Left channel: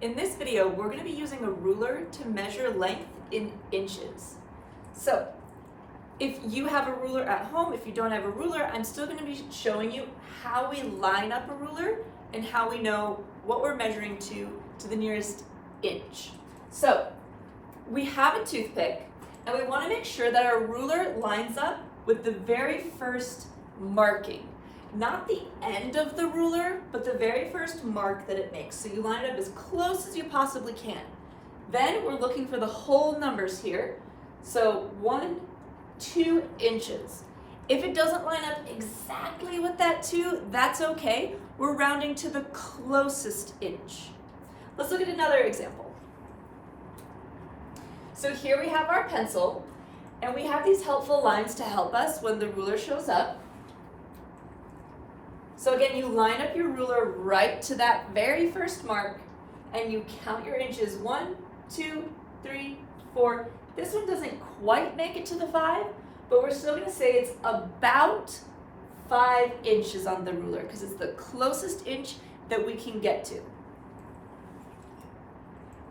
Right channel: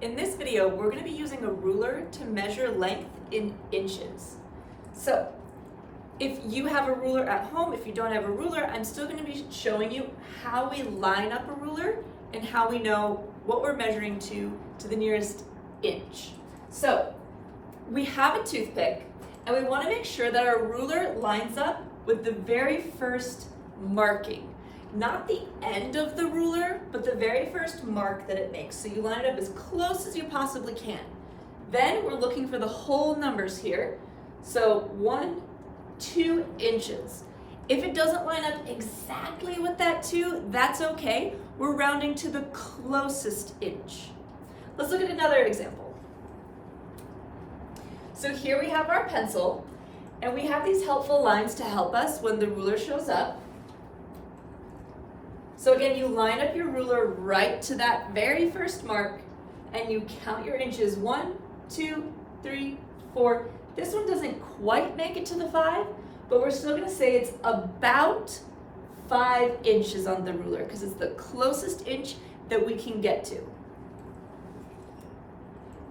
In this video, we're going to be using a ruler to measure length in inches. So, if you have a ruler at home, if you don't have a ruler, I'm still going to be showing you how we line up a ruler and how we know what we're measuring to the nearest inch. So, we have a toothpick and we want to make sure that our ruler lines up with the very first marking. Not the end of the ruler, but the very first mark that it makes. So you line it up as close as you possibly can. Then we're looking for the whole numbers here. So 1, 2 inches. If it doesn't line up exactly with that 2, that's okay. We're rounding to the closest inch. Let's look at another example. So here we have our pencil, and we have these helpful lines to help us when the ruler shows up. So again, you line up your ruler right to that very first mark and you count your inches. 1, 2, 3, 4. This one doesn't quite make it to the 5, but we're still gonna say it's about 5 inches on the ruler because it's the closest inch that we can get to.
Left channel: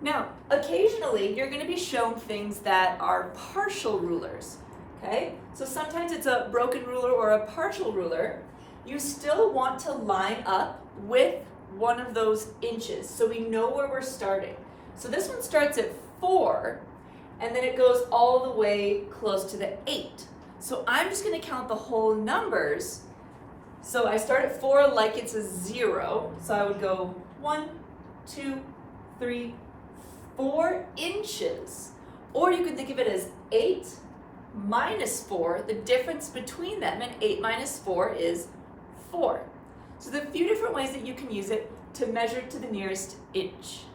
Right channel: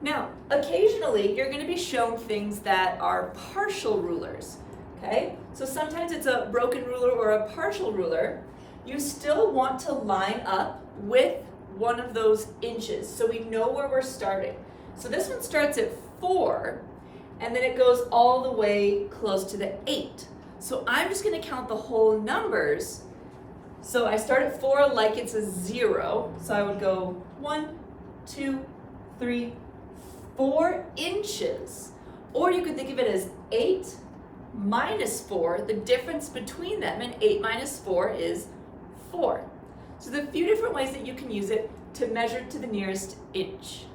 Now, occasionally you're gonna be shown things that are partial rulers, okay? So sometimes it's a broken ruler or a partial ruler. You still want to line up with one of those inches so we know where we're starting. So this one starts at 4 and then it goes all the way close to the 8. So I'm just gonna count the whole numbers. So I start at 4 like it's a 0. So I would go 1, 2, 3, 4 inches. Or you could think of it as 8 minus 4, the difference between them, and 8 minus 4 is 4. So the few different ways that you can use it to measure to the nearest inch.